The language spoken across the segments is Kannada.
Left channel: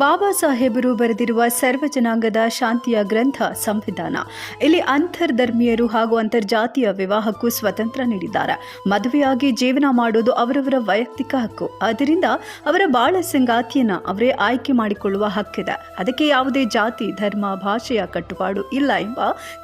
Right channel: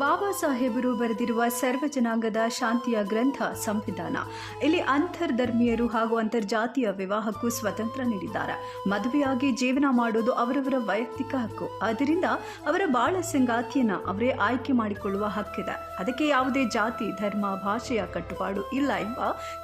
ಬಾಬಾ ಸಾಹೇಬರು ಬರೆದಿರುವ ಸರ್ವ ಜನಾಂಗದ ಶಾಂತಿಯ ಗ್ರಂಥ ಸಂವಿಧಾನ. ಇಲ್ಲಿ ಅಂತರ್ಧರ್ಮೀಯರು ಹಾಗೂ ಅಂತರ್ಜಾತೀಯ ವಿವಾಹಕ್ಕೂ ಸ್ವತಂತ್ರ ನೀಡಿದ್ದಾರೆ. ಮದುವೆಯಾಗಿ ಜೀವನ ಮಾಡೋದು ಅವರವರ ವೈಯಕ್ತಿಕ ಹಕ್ಕು. ಆದ್ದರಿಂದ ಅವರ ಬಾಳ ಸಂಗಾತಿಯನ್ನ ಅವರೇ ಆಯ್ಕೆ ಮಾಡಿಕೊಳ್ಳುವ ಹಕ್ಕಿದೆ. ಅದಕ್ಕೆ ಯಾವುದೇ ಜಾತಿ, ಧರ್ಮ, ಭಾಷೆಯ ಕಟ್ಟುಪಾಡು ಇಲ್ಲ ಎಂಬ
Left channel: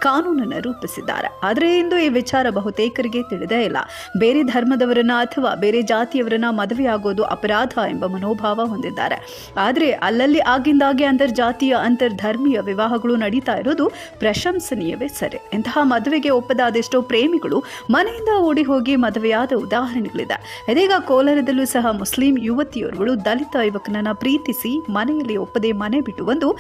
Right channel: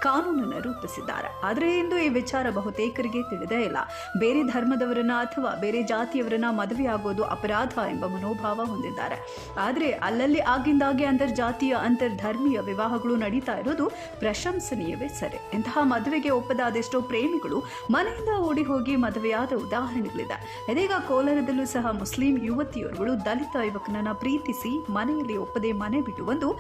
ಕಾನೂನನ್ನು ರೂಪಿಸಿದ್ದಾರೆ. ಆದರೆ ಇಂದು ಈ ವಿಚಾರ ಬಹುತೇಕರಿಗೆ ತಿಳಿದೇ ಇಲ್ಲ. ಬೇರೆ ಧರ್ಮದವರನ್ನ ಅಥವಾ ಬೇರೆ ಜಾತಿಯವರನ್ನ ಮದುವೆಯಾಗೋದು ಅಪರಾಧ ಎಂಬ ಮನೋಭಾವ ಹೊಂದಿದ್ದಾರೆ. ಆದರೆ ಅಲ್ಲಲ್ಲಿ ಆಗಿಂದಾಗೆ ಅಂತರ್ಜಾತೀಯ ಅಂತರ್ಧರ್ಮೀಯ ವಿವಾಹಗಳು ನಡೀತಾ ಇರೋದು ಪ್ರಶಂಸನೀಯವೇ ಸರಿ. ಇಂತಹ ಮದುವೆಗೆ ಒಪ್ಪದ ಅದೆಷ್ಟೋ ಪ್ರೇಮಿಗಳು ಮನೆಯಿಂದ ಓಡಿ ಹೋಗಿ ಮದುವೆಯಾದ ಉದಾಹರಣೆಗಳಿದೆ. ಇದೀಗ ಕೋಲಾರದಲ್ಲೂ ಸಹ ಮುಸ್ಲಿಂ ಯುವತಿಯರುಗಳು ದಲಿತ ಯುವಕನನ್ನ ಪ್ರೀತಿಸಿ ಮನೆಯಲ್ಲಿ ಒಪ್ಪದೆ ಮನೆ ಬಿಟ್ಟು ಬಂದು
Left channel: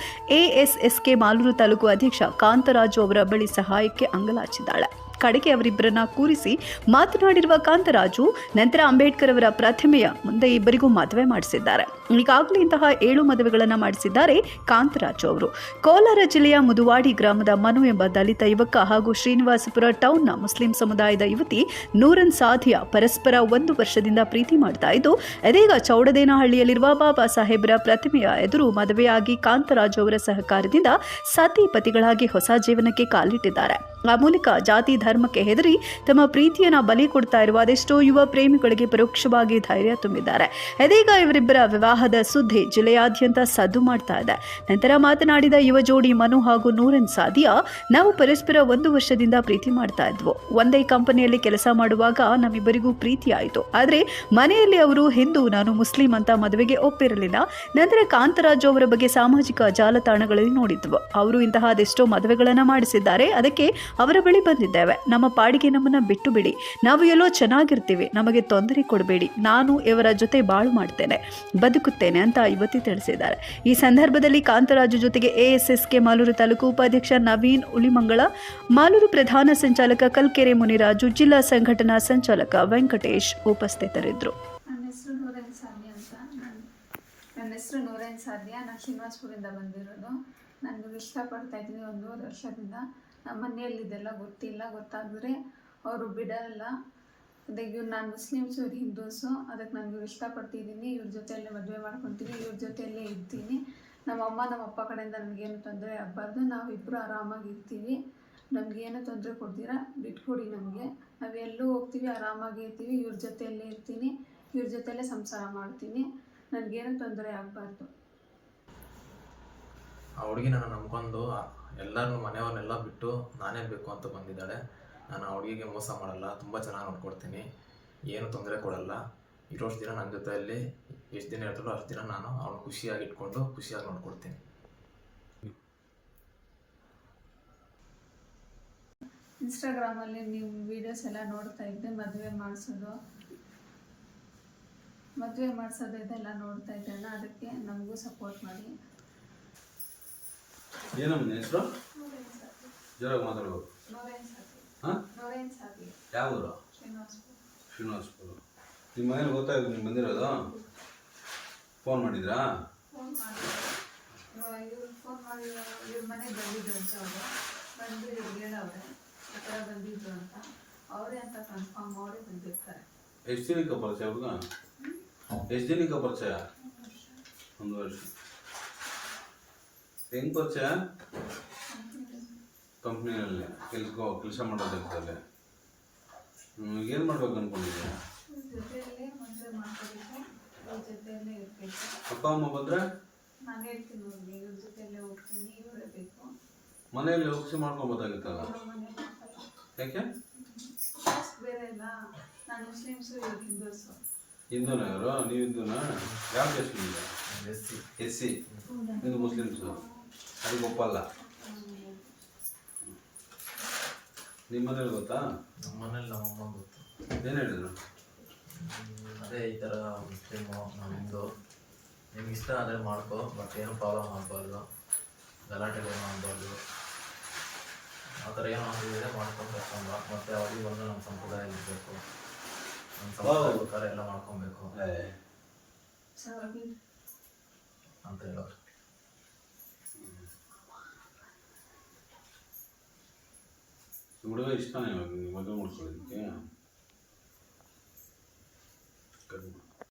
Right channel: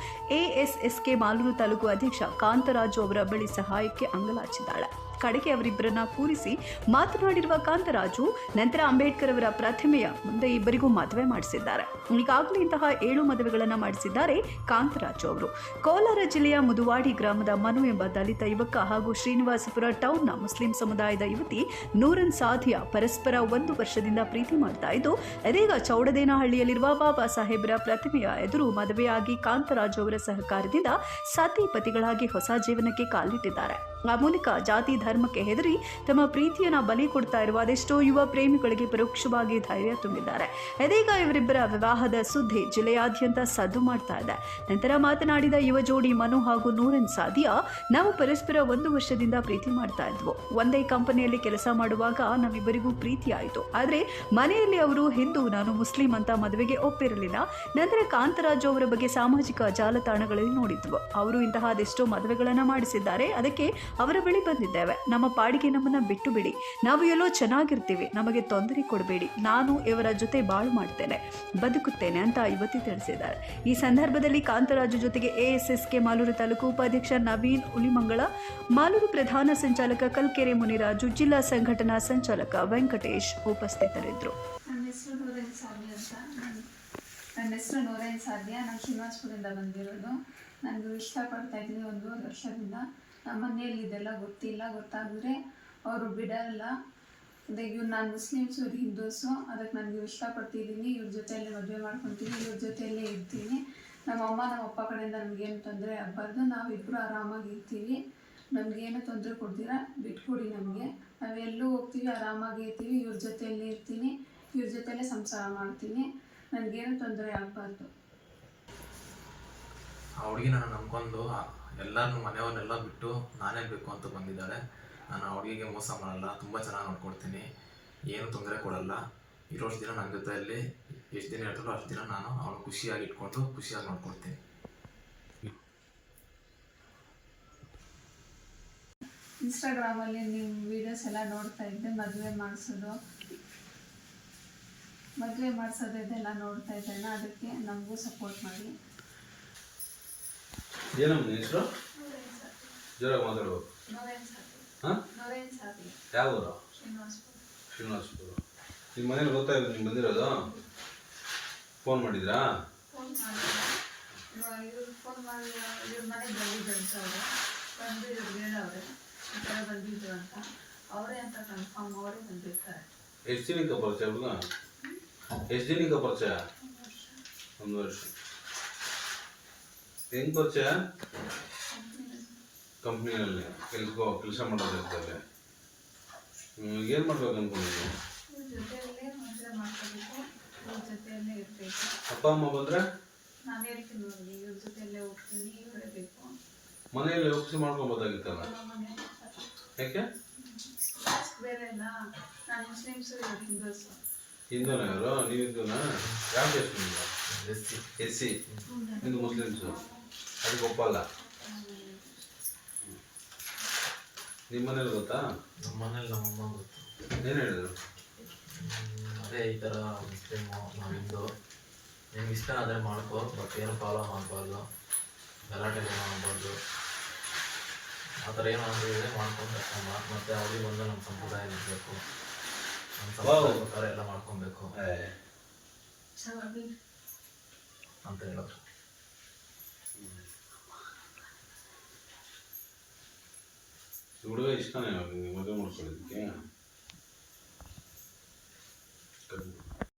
ASSK ಮಾಲೂರು ತಾಲೂಕು ಅಧ್ಯಕ್ಷ ಕಾಂತರಾಜು ಅವರ ಬಳಿ ಸಹಾಯಕ್ಕೆ ಅಂಗಲಾಚಿದ್ದಾಳೆ. ಕಡೆಗೆ ಅವರಿಬ್ಬರನ್ನ ಕೂರಿಸಿ ಮಾತನಾಡಿರುವ ಕಾಂತರಾಜು ನಂತರ ಅಂಬೇಡ್ಕರ್ ಅವರ ಪ್ರತಿಮೆಯ ಮುಂದೆ ಇಬ್ಬರಿಗೂ ಮದುವೆ ಮಾಡಿಸಿದ್ದಾರೆ. ಈಗಾಗಲೇ ಇಂತಹ 7 ಮದುವೆಗಳನ್ನು ಮಾಡಿಸಿದ್ದಾರೆ ಕಾಂತರಾಜು ಅವರು. ಕೋಲಾರ ಜಿಲ್ಲೆಯ ಮುದುವಾಡಿ ಗ್ರಾಮದ ಮನು ಎಂಬ ದಲಿತ ಯುವಕ ಹಾಗೂ ಶ್ರೀನಿವಾಸಪುರ ಟೌನ್ನ ಮುಸ್ಲಿಂ ಸಮುದಾಯದ ಯುವತಿ ನೂರನ್ ಸಾಧಿಯಾ ಪರಸ್ಪರ 1 ವರ್ಷದಿಂದ ಪ್ರೀತಿ ಮಾಡ್ತಾ ಇದ್ದು, ಇದೀಗ ಚೌಡದೇನಹಳ್ಳಿಯಲ್ಲಿರುವ ಬಾಬಾ ಸಾಹೇಬರ ಪ್ರತಿಮೆಯ ಎದುರು ಮದುವೆಯಾಗಿ ಕಾಂತರಾಜು ಅವರ ಸಹಕಾರದಿಂದ ಸತಿ ಪತಿಗಳಾಗಿ ಹೊಸ ಜೀವನಕ್ಕೆ ಕಾಲಿಟ್ಟಿದ್ದಾರೆ. ಆ ಮೂಲಕ ಜಾತಿ ಧರ್ಮಕ್ಕೆ ಹೆದರಿ ತಮ್ಮ ಪ್ರೀತಿಯನ್ನ ಬಲಿ ಕೊಡ್ತಾ ಇರುವ ಅದೆಷ್ಟೋ ಯುವ ಪ್ರೇಮಿಗಳಿಗೆ ಪರೋಕ್ಷವಾಗಿ ಧೈರ್ಯ ತುಂಬಿದ್ದಾರೆ. ಇದೀಗ ಇವರಿಬ್ಬರ ವಿವಾಹದ ಸುದ್ದಿ ಜಿಲ್ಲೆಯಾದ್ಯಂತ ಸದ್ದು ಮಾಡ್ತಾ ಇದೆ. ನಂತರ ಮಾತನಾಡಿದ ಯುವ ಜೋಡಿ ಮನು ಹಾಗೂ ನೂರನ್ ಸಾದಿಯಾ, ನಾವು ಪರಸ್ಪರ 1 ವರ್ಷದಿಂದ ಪ್ರೀತಿ ಮಾಡ್ತಾ ಇದ್ವು. ಒಂದೇ ಕಂಪನಿಯಲ್ಲಿ ಕೆಲಸ ಮಾಡುವಾಗ ನಮ್ಮಿಬ್ಬರಿಗೂ ಪ್ರೀತಿ ಆಯಿತು. ಆದರೆ ಮನೆಯಲ್ಲಿ ಅವರು ಹಿಂದೂ, ನಾನು ಮುಸ್ಲಿಂ ಅಂತ ಮದುವೆಗೆ ಒಪ್ಪಿರಲಿಲ್ಲ. ನಂತರ ಕಾಂತರಾಜು ಅವರ ಬಗ್ಗೆ ಸಾಮಾಜಿಕ ಜಾಲತಾಣಗಳಲ್ಲಿ ನೋಡಿದ್ವು. ಅವರು ಇಂತಹ ಅದೆಷ್ಟೋ ಮದುವೆಗಳನ್ನು ಮಾಡಿಸಿದ್ದಾರೆ. ಅದಕ್ಕೆ ಅವರ ಬಳಿ ಬಂದಿದ್ದೇವೆ. ನಮ್ಮ ಪಾಡಿಗೆ ನಮ್ಮನ್ನ ಬಿಟ್ಟು ಬಿಡಿ, ನಾವು ಎಲ್ಲೋ ಚೆನ್ನಾಗಿರ್ತೀವಿ, ನಮಗೆ ತೊಂದರೆ ಕೊಡಬೇಡಿ, ನಾನು ಇವರ ಜೊತೆ ಬಾಳು ಮಾಡ್ತೇನೆ, ಬದುಕುತ್ತೇನೆ ಅಂತ ಯುವತಿ ತಿಳಿಸಿದ್ದಾರೆ. ಈ ಸಂದರ್ಭದಲ್ಲಿ ಕಾಂತರಾಜು ಜೊತೆಗೆ ASSK ಮಾಲೂರು ತಾಲೂಕು ಉಪಾಧ್ಯಕ್ಷ ನವೀನ್ ಉಲಿಮಂಗಳ, ಮಾಲೂರು ಪ್ರಧಾನ ಸಂಚಾಲಕ ಕಲ್ಕೆರೆ ಮುನಿರಾಜು, ಜಿಲ್ಲಾ ಸಂಘಟನಾ ಸಂಚಾಲಕ ವೆಂಕಟೇಶ್ ಉಪಸ್ಥಿತರಿದ್ದರು. ನನ್ನ ಹೆಸರು ನೂರೈನ್ ಸಾಧ್ಯ. ನಾನು ಶ್ರೀನಿವಾಸಪುರದಿಂದ ಬಂದಿರೋದು. ನನಗೂ ಇಷ್ಟಪಡ್ತಾ ಇದ್ದೀನಿ 1.5 ವರ್ಷದಿಂದ. ನಮ್ಮ ಮನೆಯಲ್ಲಿ ಇದೆಲ್ಲ ಗೊತ್ತಾಗಿದ್ರೆ ಅವರು ಬಿಡಲ್ಲ. ಇವ್ರು ನಾನು ಮುಸ್ಲಿಮ್ಸು, ಇವ್ರು ಹಿಂದೂಸು. ಅದಕ್ಕೆ ನನಗೂ ಇಷ್ಟಪಡ್ತಿದ್ದೀನಿ. ಇವ್ರ ಜೊತೆಯಲ್ಲೇ ಮದುವೆ ಮಾಡ್ಕೊತೀನಿ, ಇವ್ರ ಜೊತೆಯಲ್ಲೇ ಇರ್ತೀನಿ. ನಮ್ಮ ಅಮ್ಮ ನಮ್ಮ ಅಪ್ಪ ಕಡೆಯಿಂದ ನಮಗೇನು ತೊಂದರೆ ಆಗಬಾರ್ದು. ನಾವಿಬ್ಬರು ಆರಾಮಾಗಿ ಇರ್ತೀವಿ. ನಮಗೇನು ತೊಂದರೆ ಕೊಡ್ತೀರಾ ಬಿಟ್ಕೊಡಿ. ನಾವೆಲ್ಲೂ ಹೋಗ್ತೀವಿ, ಆರಾಮಾಗಿ ಇರ್ತೀವಿ. ಇವ್ರ ಜೊತೆಯಲ್ಲೇ ಇರ್ತೀನಿ, ಇವ್ರ ಜೊತೆಯಲ್ಲೇ ಸಂಸಾರ ಮಾಡ್ತೀನಿ. ನನಗೇನು ತೊಂದರೆ ಆಗಬಾರ್ದು. ಆ ಹುಡುಗಿ ನಾನು ನಂಬ್ಕೊಂಡು ಎಲ್ಲರನ್ನೂ ಮನೆಯವ್ರನ್ನೆಲ್ಲ ಬಿಟ್ಟು ನಾನೇ ಬೇಕು ಅಂತ ಬಂದಿದ್ದಾಳೆ. ನಾನು ಆ ಹುಡುಗಿಗೆ ಮೋಸ ಮಾಡಲ್ಲ, ತುಂಬ ಚೆನ್ನಾಗಿ ನೋಡ್ಕೊಡ್ತೀನಿ, ಏನು ತೊಂದರೆ ಕೊಡಲ್ಲ. ಇರೋಷ್ಟು ದಿನ ನನ್ನ ಜೊತೆಯಲ್ಲಿ ಎಷ್ಟು ದಿನ ಇರ್ತಾರೋ ಅಷ್ಟು ದಿನ ನಾನು ಅವಳು ಖುಷಿಯಾಗಿ ಇಟ್ಕೊಂಡು ಖುಷಿಯಾಗಿ ನೋಡ್ಕೊಡ್ತೀನಿ. ಇನ್ಸ್ಟಾಗ್ರಾಮಲ್ಲಿ ನಿಮ್ಮ ವೀಡಿಯೋಸ್ ಎಲ್ಲ ನೋಡ್ತಾ ಇದ್ದೆ. ಮದುವೆ ಮಾಡಿಸೋದು ಇದೆಲ್ಲ ನೋಡ್ತಾ ಇದ್ದೇನೆ. ಅದಕ್ಕೆ ನಮಗೂ ಸಪೋರ್ಟ್ ಮಾಡಿ. ಏನಮ್ಮ ಹೆಸರು? ಜೋರಾಗಿ ಮಾತಾಡ್ಬೇಕು. ಯಾವ ಊರು? ಶ್ರೀನಿವಾಸಪುರ. ನಿಮ್ಮ ಮನೇಲಿ ಗೊತ್ತಾಯ್ತು ನೀವು ಬಂದಿರೋದು? ಫೋನ್ ಮಾಡಿದ್ರಾ? ಫೋನ್ ಮಾಡಿ ಇವ್ರ ಮನೆಗೆ ಬಂದಿದ್ರು ಅಂತ. ಅವರು ಬಂದಿದ್ರು, ಹೇಳವ್ರೆ ಈ ಥರ ಬಂದಿದ್ರು ಅಂತ. ಅವರೇ ಅಂತ ಕನ್ಫರ್ಮ್, ಅವರೇ ಬಂದಿರ್ತಾರೆ. ಎಷ್ಟು ದಿನಕ್ಕೆ ಪರಿಚಯ ಹುಡುಗ? ಎಷ್ಟು ದಿನಕ್ಕೆ ಪರಿಚಯ? 1 ವರ್ಷ. ಹೆಂಗೆ ಪರಿಚಯ? ಕಂಪ್ನಿಯಲ್ಲಿ ಕೆಲಸ ಮಾಡೋದಿರ್ತದೆ. ಏನು ಮಾಡ್ಬೇಕು ಅಂದ್ಕೊಂಡಿದ್ದೀನಿ? ಜೊತೆಯಲ್ಲೇ ಮದುವೆ ಮಾಡ್ಕೋಬೇಕು, ಇವ್ರ ಜೊತೆಯಲ್ಲೇ ಇರಬೇಕು. ಅಪ್ಪ ಅಮ್ಮ ಬಂದರೆ ನಾನು ಹೇಳ್ತೀನಿ ನೋಡಿ, ಇವ್ರ ಜೊತೆಯಲ್ಲೇ ಹೋಗ್ತೀನಿ, ಇವರೇ ಬೇಕು. ಮನೆಯಲ್ಲಿ ಒಪ್ಪಿಸಿ ಮಾಡ್ಕೊಬೋದಾಗಿತ್ತಲ್ಲ, ಯಾಕೆ? ಬೇರೆ ಇಲ್ಲ. ನಾನು ಮುಸ್ಲಿಮ್ಸು, ಇವ್ರು ಹಿಂದೂಸು. ಹಿಂದೂನಾ ಇವರು? ನೀವು ಹಿಂದೂನಾ? ಯಾವ ದೇಶ ನಿಮ್ದು? SC. ಹಿಂದೂ ಮುಸ್ಲಿಮ್ಸು ಅದಕ್ಕೆ ಒಪ್ಪಲ್ಲ. ನಿಮ್ಮ ಮನೇಲಿ ಗೊತ್ತಾ? ನಮ್ಮ ಮನೇಲಿ ನಮ್ಮಮ್ಮ ಗೊತ್ತು. ಏನು ಹೇಳಿದ್ರು? ಅದೇ ಈ ಥರ ಮುಸ್ಲಿಮು, ನಾವು ಹಿಂದೂ, ನಿಮ್ಗೆ ಇಷ್ಟ ಆದರೆ ಮಾಡ್ಕೋ, ಬಟ್ ಏನು ಫಾಲೋ ಮಾಡಬಾರ್ದು, ಗಲಾಟೆ ಏನು ಮಾಡಬಾರ್ದು, ಆ ಥರ ಏನು ಮಾಡಿದ್ರೆ ಮಾಡ್ಕೊಂಡು ಮತ್ತು ಅವ್ರಿಗೆ ಬಂದು ನಮ್ಮ ಸಂಪ್ರದಾಯ ಇರಬೇಕು, ನಮ್ಮ ಸಂಪ್ರದಾಯ ಪ್ರಕಾರ ಎಲ್ಲ ಮಾಡ್ಕೊಬೇಕು ಅಂತ ಹೇಳೋರು. ಹುಡುಗ ಇಷ್ಟನೇ ನಿಮಗೆ ಮದುವೆ ಮಾಡಿಸೋದು?